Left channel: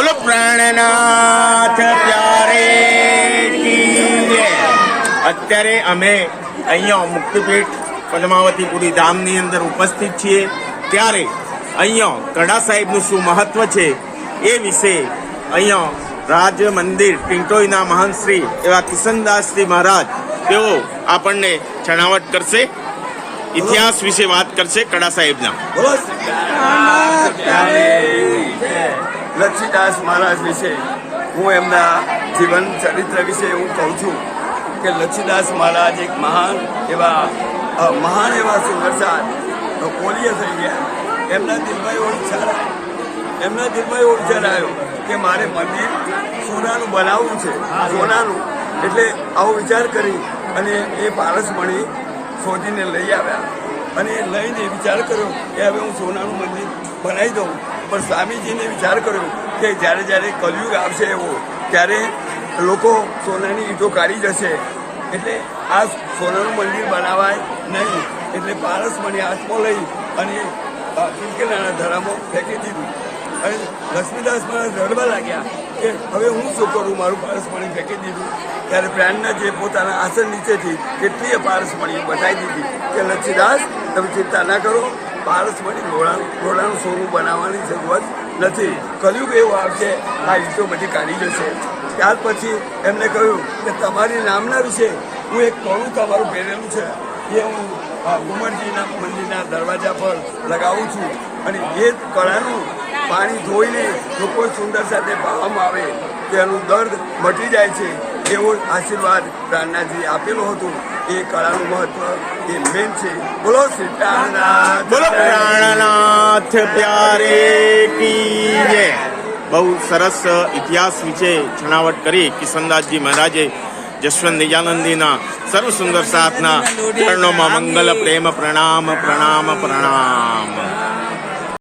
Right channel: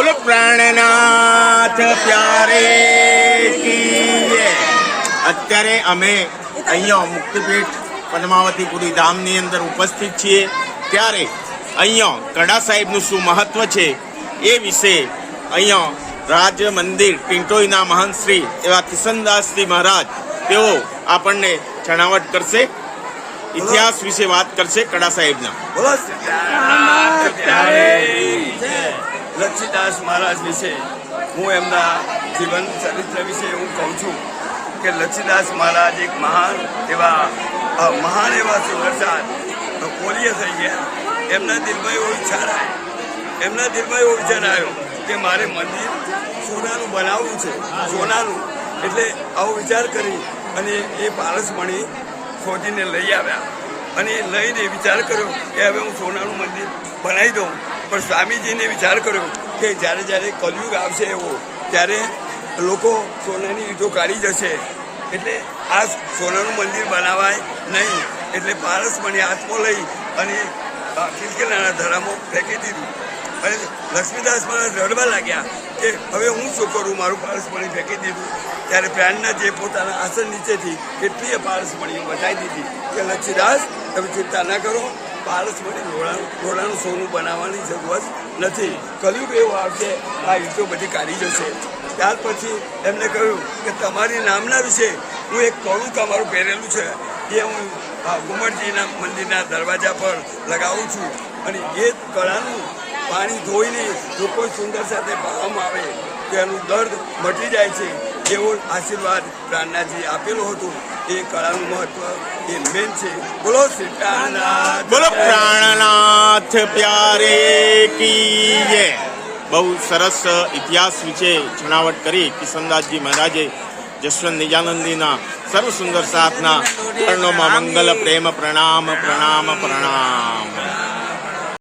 બોલો પ્રાણનાથ પ્યારે કી જય। અત્યારે અમે અહીંયા મુક્તિપીઠ પદ્માવતીપુરી ધામની અંદર ઉપસ્થિત છીએ, ત્યારે અહીંયા કડા સાહેબનું શું મહત્વ છે એ વિશે અહીંયા રાજ મંદિર પિંટોઈના મહંત શ્રી એવા કિશનદાસજી મહારાજ તેઓ આપણને છણાવટ કરશે, ઇતિહાસ વિશે વાત કરશે કડા સાહેબના। લક્ષીદાસ મહારાજ વિશે હું એમના જીવન ચરિત્ર વિશે હું કહું છું કે લક્ષીદાસ મહારાજ એક મહાન એવા સુંદરસાર પોલીય થઈ ગયા। એમના દિલમાં એવો વિચાર આવ્યો કે મારે મંદિર સોનાનું બનાવવું છે, સોનાનું। એટલે આવો વિચાર કરી અને એ પારસમણી શોધીને લઈ આવ્યા અને લઈને વિચાર કર્યો કે હવે હું સોનાનું મંદિર બનાવી દઉં। પણ સ્વામીજીને વિચાર કર્યો કે જ્યારે કલયુગ આવશે એવો ત્યારે લોકો સોનાની ઈંટો કાઢી જશે, એટલે આ સોનાનું મંદિર બનાવાય નહીં। એટલે પારસમણી હાથમાં લઈ અને કિલકિલાના ધરામાં ફેંકી દીધું અને લક્ષ્મીદાસ મહારાજ રડવા લાગ્યા કે હવે હું શું કરું, મારું પારસમણી ફેંકી દીધું। ત્યારે પ્રાણનાથજીએ પોતાના આસન નીચેથી કેટલીય પારસમણીઓ બતાવી દીધી કે લક્ષ્મીદાસ તમે ચિંતા ના કરો, પારસમણી લોડાનું સોનું બનાવવાની જરૂરત નથી, કલયુગ એવું આવશે આ ઈંટો બધી કાઢી જશે। ત્યાર પછી એમને કહ્યું કે તમારી નામના વિશે હું એક કળું તમારું પહેરેલું છે એ હું ઉમરજીના મંદિરના દરવાજા પર લગાવું છું અને એ કળાનું પાણી ધોઈને જો કોઈ સુંદર સાથે પાવામાં આવે તો એનું દર્દ મટી જાય છે, એવો આશીર્વાદ પ્રાણનાથજી આપેલો હતો। એ કળાનું મહત્વ એ મેન છે। બોલો સીતાનાથ, બોલો પ્રાણનાથ પ્યારે કી જય। બહુ સરસ ઇતિહાસ વિશે છણાવટ કરી કિશનદાસજી મહારાજે। જશવંત નિજાનંદીના સર્વ સુંદર સાથના ચરણોમાં મંગલ પ્રેમ પ્રણામ પ્રણામ પ્રણામ।